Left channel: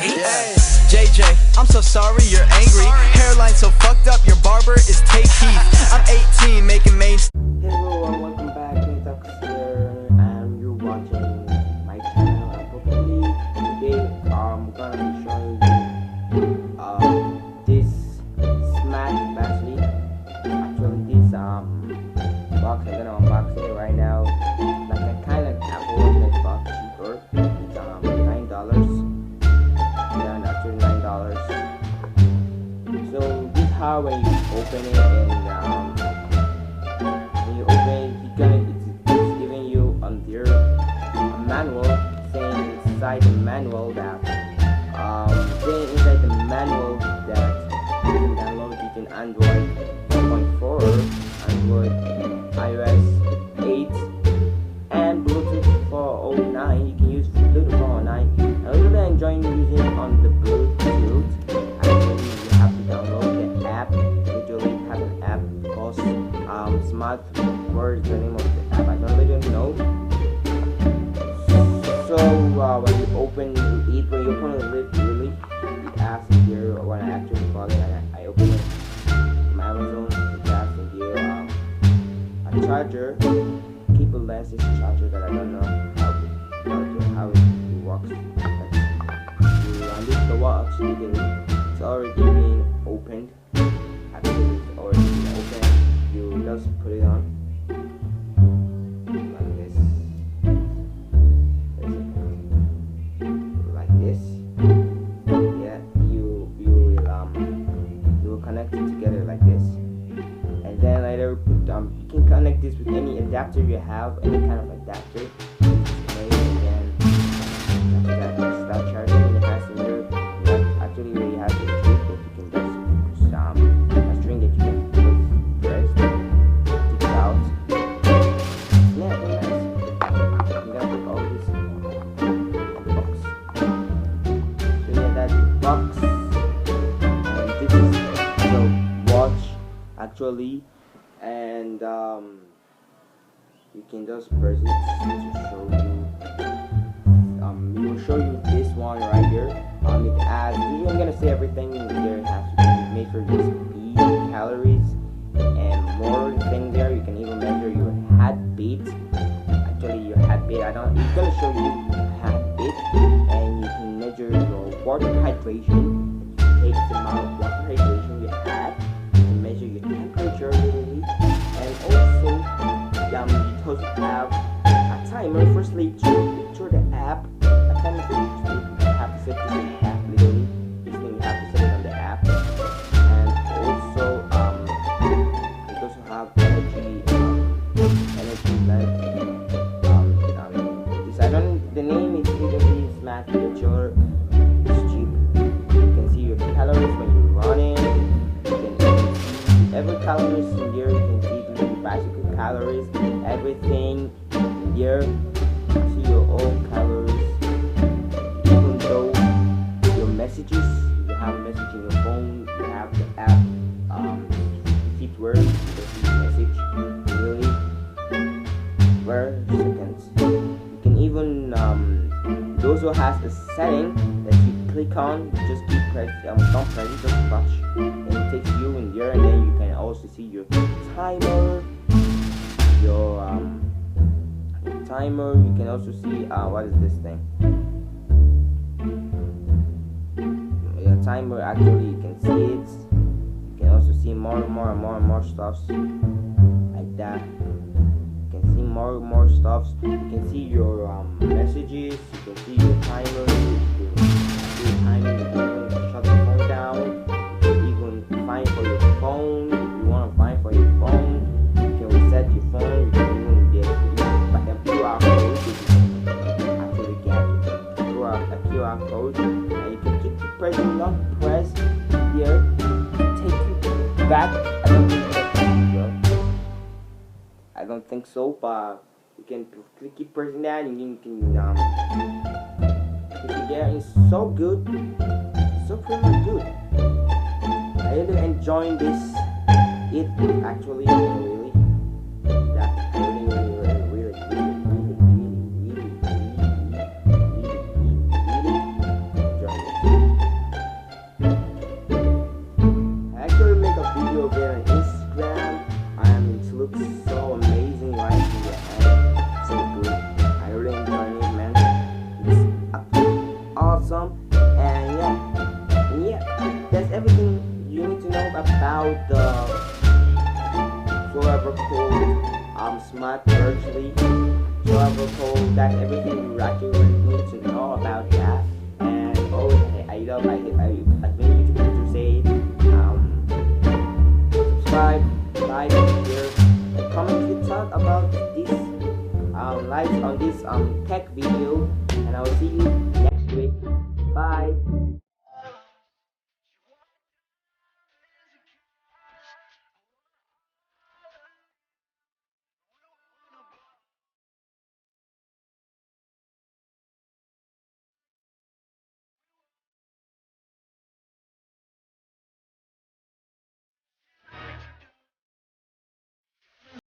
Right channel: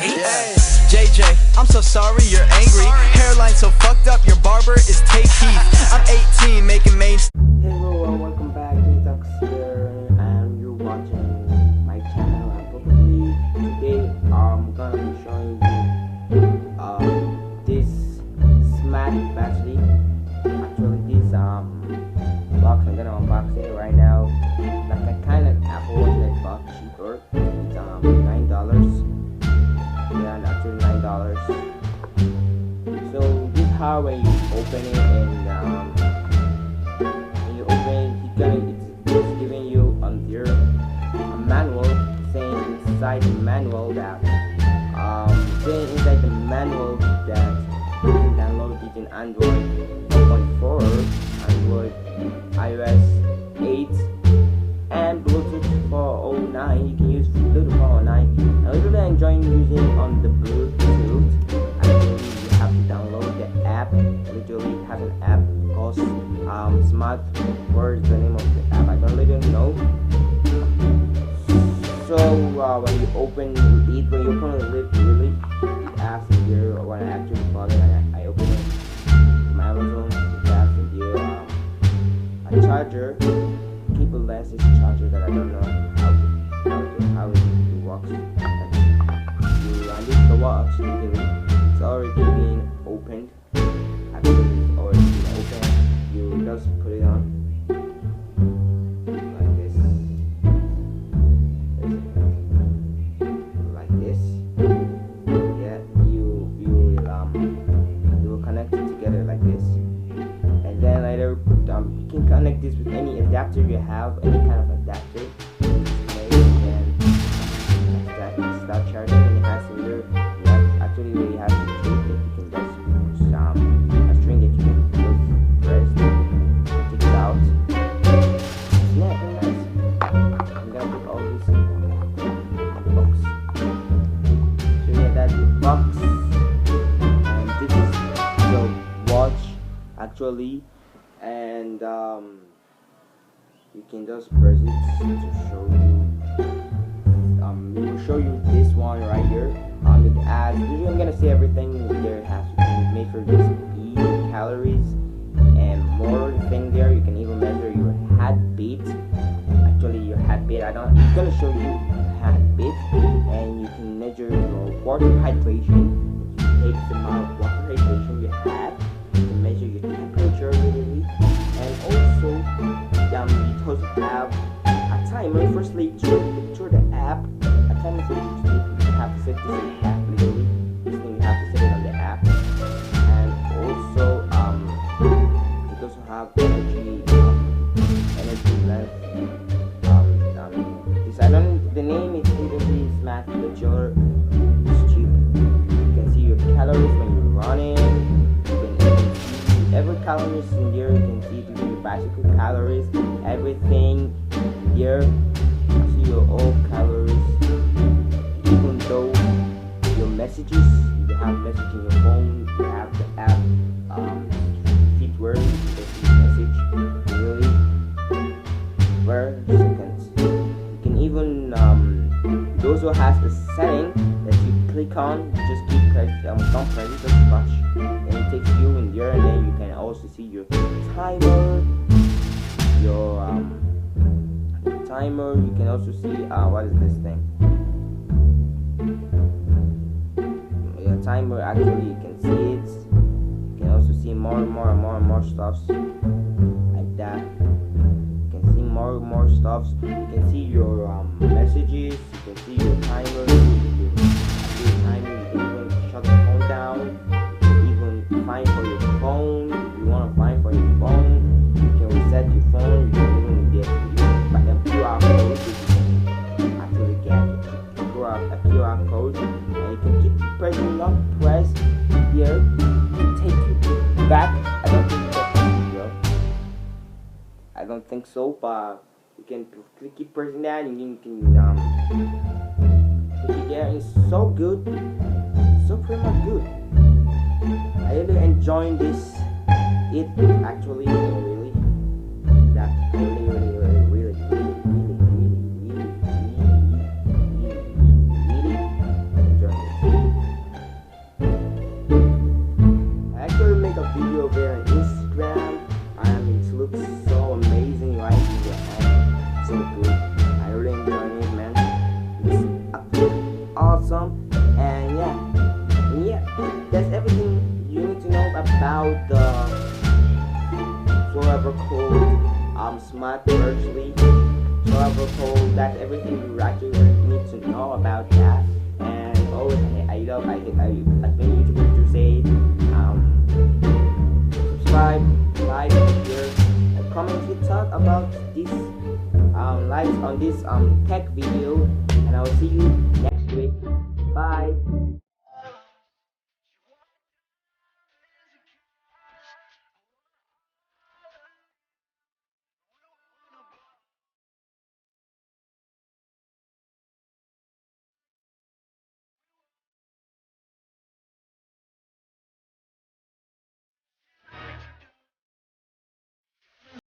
Hey, JJ, I'm so sorry you're angry. Hairline so fucked up, your barber is Tay Keith. I'm 18, making main. Hello and welcome back. Najaf here, and you're watching my channel. And probably today I'm gonna be showing you this smart bracelet. Actually, this box I'm gonna unbox it right now. Like a kind of Apple Watch that bought cheaper. It's $9. Yeah, actually $9. So this is how when you open it, and when you open it, it's giving you on there a manual saying inside the manual that you can download it in Android 4.4, Android iOS 8, and Bluetooth 409. You can use Bluetooth 409. I really enjoying using it on the Bluetooth. Actually, you have to download the app. Literally, it has an app called Smartwatch. The name of the app I don't really know. So when you open it, really, it asks here when I actually bought it. I opened it from Amazon. It asks here a charger, cableless charger that I don't know how it works. You run this the watch, it's already been opened. Actually, it's already been opened. You just put it on like this, like this. Yeah, you will connect it together like this, and then later you can connect this with any adapter you have, any kind of adapter. And then start charging, and it has in here. Actually, where you have the string that you can just a string that you can just press, take it out. It's not very nice. You gotta put all this in the box. So yeah, that's the box, and this is the watch actually, and you can just press it to show you. It will show you this one right here. It adds. Usually, I'm gonna say everything there has to make sure this speed, calories, and more thing there. You can even measure your heartbeat. Actually, your heartbeat. It's gonna show you heartbeat, and you can measure your water hydration. You take the amount of water hydration you have. You can measure your temperature literally, and also you also have a timer for sleep too. Picture the app. A timer for sleep. You have to set this in the app literally. This thing you have to set it on the app. And also it also have energy left. This the name is literally Smart Picture. It's cheap. You can see your calories when you're running. You can even see every calories in here. You can see your bicycle calories, everything in here. See your all calories. Even though your messages, you have message in your phone, you have the app fit where you can see message really per seconds. You can even it also has a setting that you click on. You just keep press don't press it, just touch, and it takes you in there, and then you can also see your timer, your timer. You can also see what is this thing? Your timer. Actually, you can see it. You can also see more stuffs like that. You can see more stuffs. You can see your messages. You can see your timer. You can even shut the phone down. You can even find for your phone. If you want to find for your phone, you can reset your phone. You can even get a QR code. You can actually get a QR code, and you can keep pressing long press here to take you back. I don't think that's bro. I don't think so, but you can keep pressing that, and you can keep it there. It's so good, so pretty much good. I really enjoying this. It actually really that I really enjoying this. come. And yeah, that's everything you need to know about the whatever called smartwatch leak. Whatever called, that's everything you actually need to know about that. And always as many YouTubers do say, subscribe, like, share, and comment if you talk about this lives on this tech video, and I will see you next